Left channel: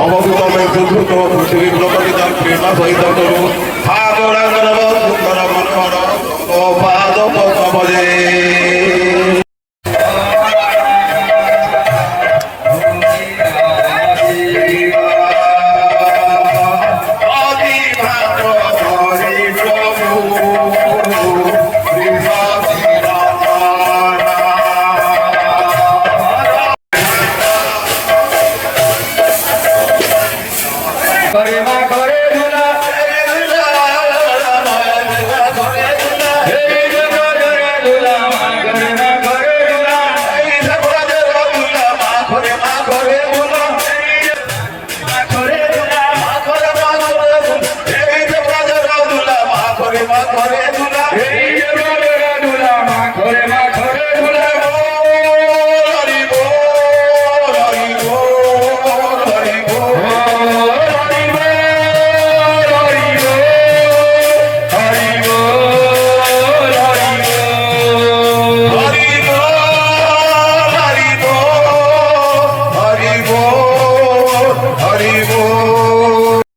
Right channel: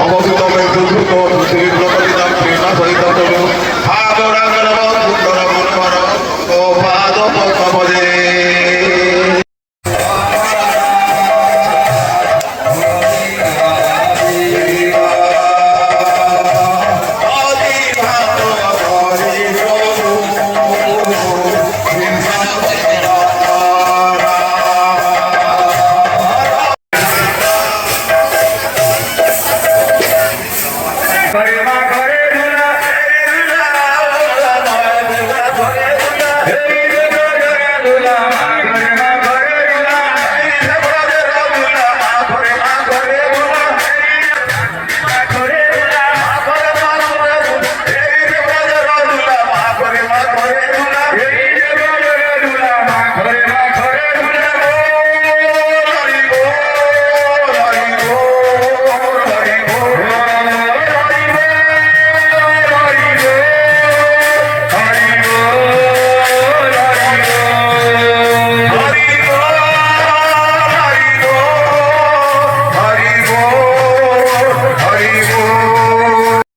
অবস্থিতমে দুর্ভূত পৃথিবীর লোকদিদাম প্রেমা সহিত তরু ভাগরাগরব সুন্দর মনোহর ও পাদ পদ্মপদে Bye.